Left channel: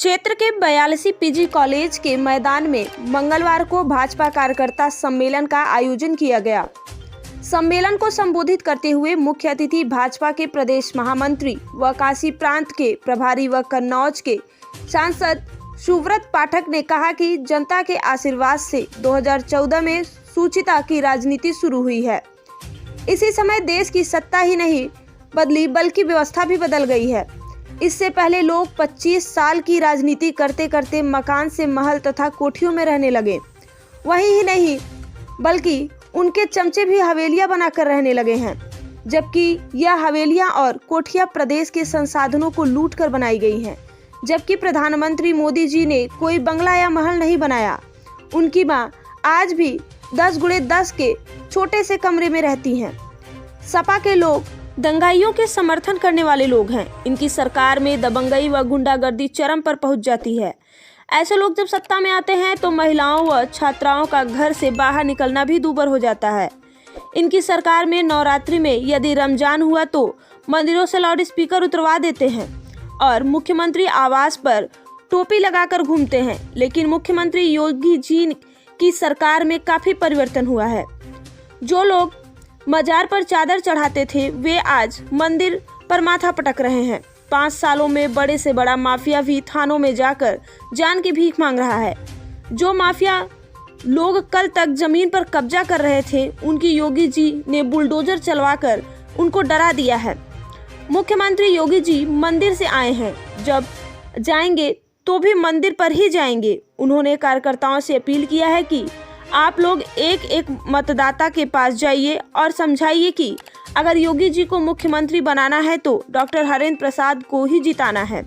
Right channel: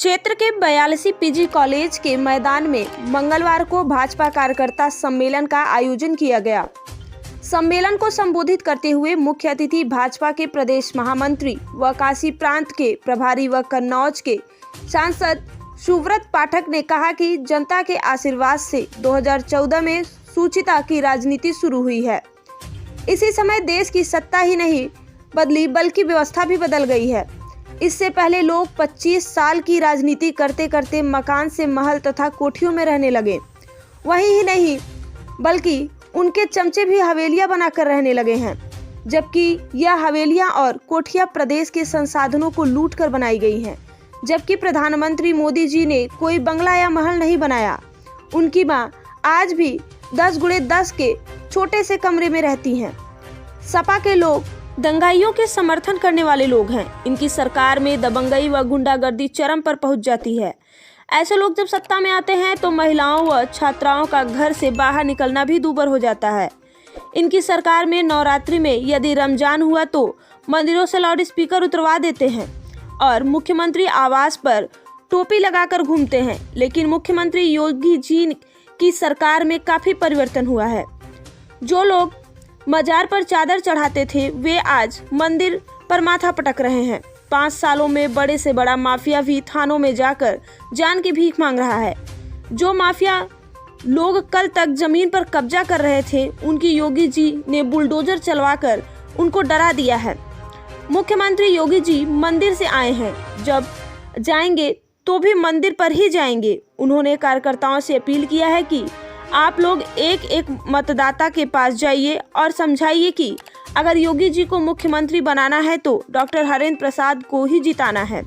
क्षेत्र के 42 PG college के मैदान में मंगलवार को भाजपा कार्यकर्ता सम्मेलन का आयोजन किया गया। सम्मेलन को संबोधित करते हुए मुख्य अतिथि भाजपा के प्रदेश महामंत्री व काशी प्रांत के प्रभारी व कन्नौज के सांसद सुव्रत पाठक ने कहा कि जनता के आशीर्वाद से 2014 में सुचिता की राजनीति शुरू हुई है। इसी समय देश की सत्ता ही नहीं बदली बल्कि व्यवस्था भी बदल गई है। इससे पहले लोग 25 साल की राजनीति करते करते मकान से महल तथा कोठियों में रहने लगे। वही ही नहीं बल्कि उनके चमचे भी हवेलियां बनाकर रहने लगे हैं, जबकि यह हवेलियां और कोठियां प्रदेश के संसाधनों को लूट कर बनाई गई हैं। जबकि प्रधानमंत्री मोदी जी ने कोई बंगला या महल नहीं बनाया। उनकी मां आज भी 10x10 के छोटे से कमरे में रहती हैं। सपा के लोग दंगाइयों के समर्थन करने वाले लोग हैं। इनकी सरकार में दबंगई व गुंडागर्दी चरम पर पहुंच जाती है। ऐसे लोग जब सत्ता में आते हैं तो महिलाओं व छात्राओं का घर से बाहर निकलना भी दूभर हो जाता है। इनकी सरकार में नवरात्रि में यदि रमजान हुआ तो मंदिरों से लाउड स्पीकर उतरवा देते हैं और मुख्यमंत्री आवास पर टोपी लगाकर घूमते हैं। लेकिन मुख्यमंत्री योगी जी की सरकार में काफी परिवर्तन हुआ है। जो लोग मजार पर चादर चढ़ाते थे वे आज मंदिर पर माथा पटक रहे हैं। 5 सालों में बड़े से बड़ा माफिया भी थानों में जाकर जान की भीख मांग रहा है। जो माफिया लोग कल तक जमीन पर कब्जा कर रहे थे, उनकी योगी जी ने बुलडोजर चलवाकर उनको डरा दिया है। मुख्यमंत्री योगी जी मंदिर से आए हैं, जब जाएंगे तो भी मंदिर पर ही जाएंगे। उन्होंने कार्यकर्ताओं से अपील किया है कि आप लोग एक एक मतदाता के पास जाइए और समझाइए कि अगर योगी जी को मुख्यमंत्री बनाना है तो डॉक्टर हरेंद्र प्रसाद को ही जिताना है।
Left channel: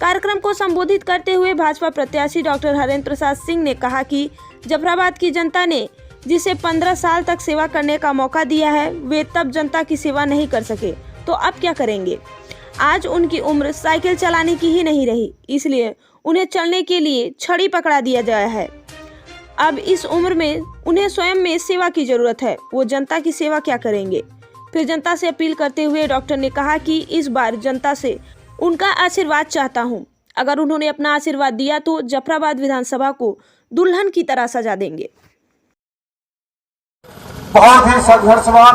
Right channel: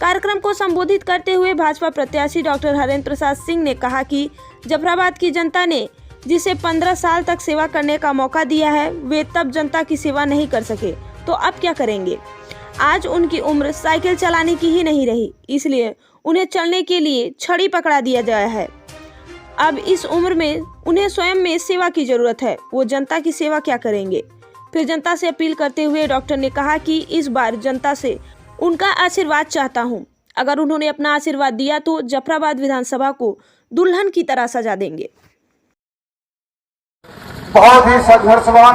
कार्यक्रम को संबोधित करते हुए भाजपा प्रत्याशी डॉक्टर हरेंद्र प्रसाद सिंह ने कहा कि जफराबाद की जनता ने जिसे 15 साल तक सेवा करने का मौका दिया है, वे तब जनता की सेवा नहीं कर सके तो अब क्या करेंगे। आज उनकी उम्र साइकिल चलाने की ही नहीं रही, इसलिए उन्हें चलने के लिए छड़ी पकड़ा दिया गया है। अब इस उम्र में उन्हें स्वयं में सेवा की जरूरत है। वो जनता की सेवा क्या करेंगे। फिर जनता से अपील करते हुए डॉक्टर ने कहा कि इस बार जनता से उनका आशीर्वाद चाहता हूं। अगर उन्होंने अपना आशीर्वाद दिया तो जफराबाद विधानसभा को दुल्हन की तरह सजा देंगे। बहुत ही संघर्षवान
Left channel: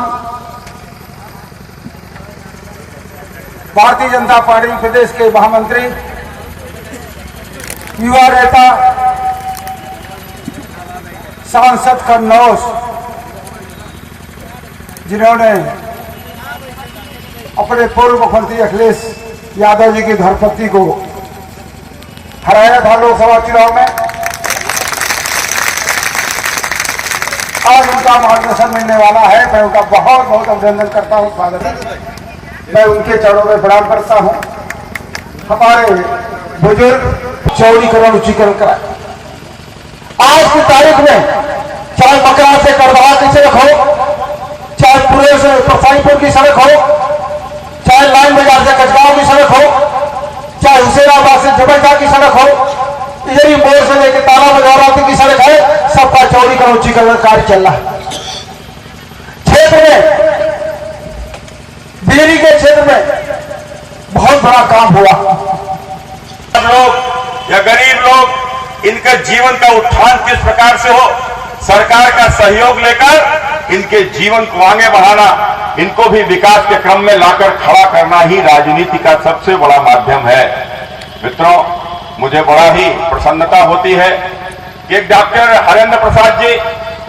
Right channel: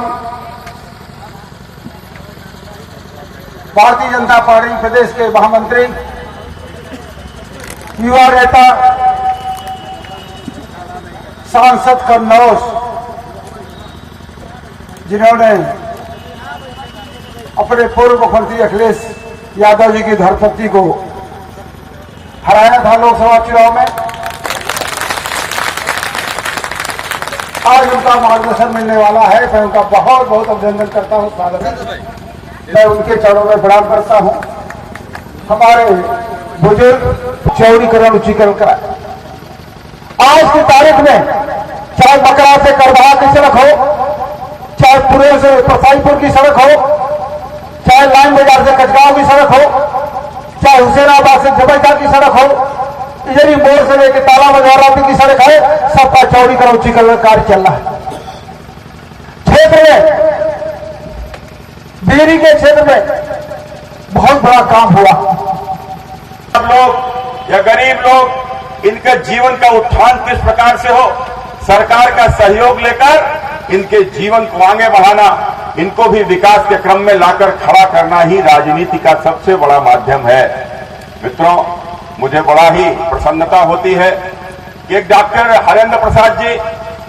भारतीय जनता पार्टी प्रदेश के महामंत्री, युवा नेता, सांसद कन्नौज, जिन्होंने अपने पूर्व मुख्यमंत्री अखिलेश यादव जी की धर्मपत्नी को हराया था लोकसभा चुनाव में। आज उनका मार्गदर्शन मिलने वाला है। मैं उनका बहुत बहुत अभिनंदन करता हूं, स्वागत है। मैं उनके चरणों में प्रणाम करता हूं। हमारे बुजुर्ग चौड़ीकरण उच्चीकरण कराए। आज की तारीख में चाहे मकरा से करबहा की सड़क हो, चाहे पुणे से परसाईपुर की सड़क हो, चाहे लाइन बाजार से कचगांव की सड़क हो, चाहे हुसैनाबाद से जबलपुर की सड़क हो, इधर मोड़ से लेकर ताला बाजार की सड़क है, सबका चौड़ीकरण उच्चीकरण कार्य चल रहा है। क्षेत्र में बिजली के क्षेत्र में बहुत बड़ा काम हुआ। सब लोग या गरीब लोग, इनके जीवन का उत्थान किस प्रकार से हो, सरकार का सहयोग लेकर इनके जीवन को आगे बढ़ाना, इनको भी विकास के क्रम में लाकर खड़ा करना ही राजनीति का सबसे बड़ा माध्यम है। मित्रों, मुझे बड़ा ही प्रसन्नता होती है कि डॉक्टर हरेंद्र प्रसाद जी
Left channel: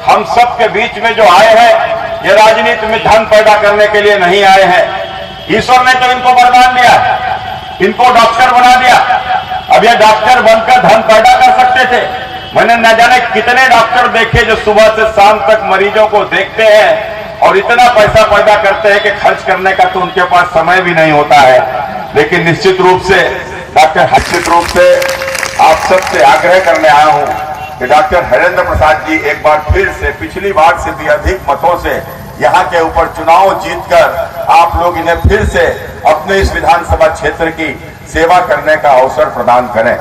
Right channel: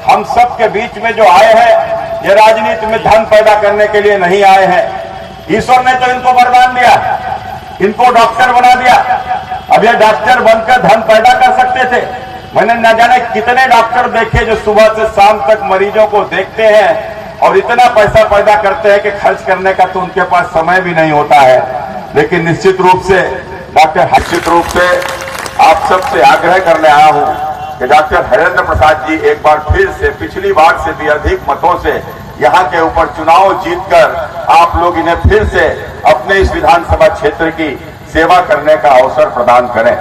हम सब के बीच में जो आए हैं, ये राजनीति में धन पैदा करने के लिए नहीं आए हैं। ईश्वर ने तो इनको वरदान दिया, इनको डॉक्टर बना दिया। अब ये डॉक्टर बनकर धन पैदा कर सकते थे। मैंने न जाने कितने डॉक्टर देखे जो सुबह से शाम तक मरीजों को देखते हैं और इतना पैसा पैदा करते हैं कि खर्च करने का तो उनके पास समय भी नहीं होता है। लेकिन निश्चित रूप से आप सबसे आग्रह करने आया हूं कि डॉक्टर हरेंद्र प्रसाद जी एक बार फिर से पिछली बार से भी अधिक मतों से यहाँ के ऊपर चुनाव जीतकर आप लोग इन्हें फिर से अपने इस विधानसभा क्षेत्र की सेवा करने का अवसर प्रदान करें।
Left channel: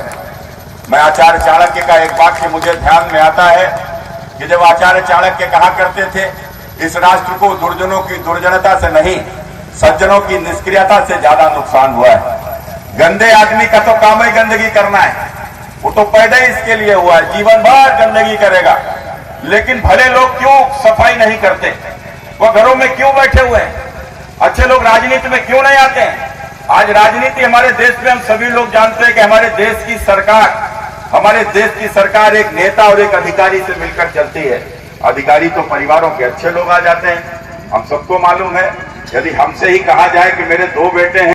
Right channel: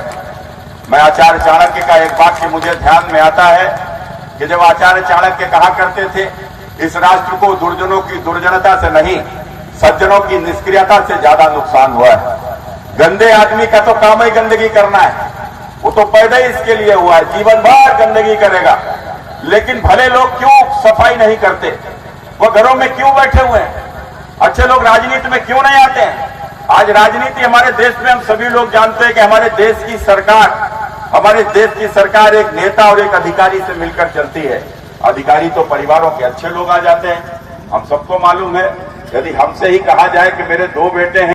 मैं आचार्य चाणक्य का एक वाक्य मुझे ध्यान में आता है कि जब आचार्य चाणक्य कहा करते थे, इस राष्ट्र को दुर्जनों की दुर्जनता से नहीं, सज्जनों की निष्क्रियता से ज्यादा नुकसान हुआ है। गंदे आदमी का तो काम ही गंदगी करना है, वो तो पैदा ही इसके लिए हुआ है, जीवन भर गंदगी करेगा। लेकिन भले लोग क्यों सफाई नहीं करते, वो घरों में क्यों बैठे हुए हैं? अच्छे लोग राजनीति में क्यों नहीं आते हैं? आज राजनीति हमारे देश में हम सभी लोग जानते हैं कि हमारे देश की सरकार एक नेता और एक अधिकारी से मिलकर चलती है। अधिकारी तो परिवारों के अच्छे लोग आ जाते हैं, हम सबको मालूम है। यदि हमसे ही कहा जाए कि मेरे 2 बेटे हैं,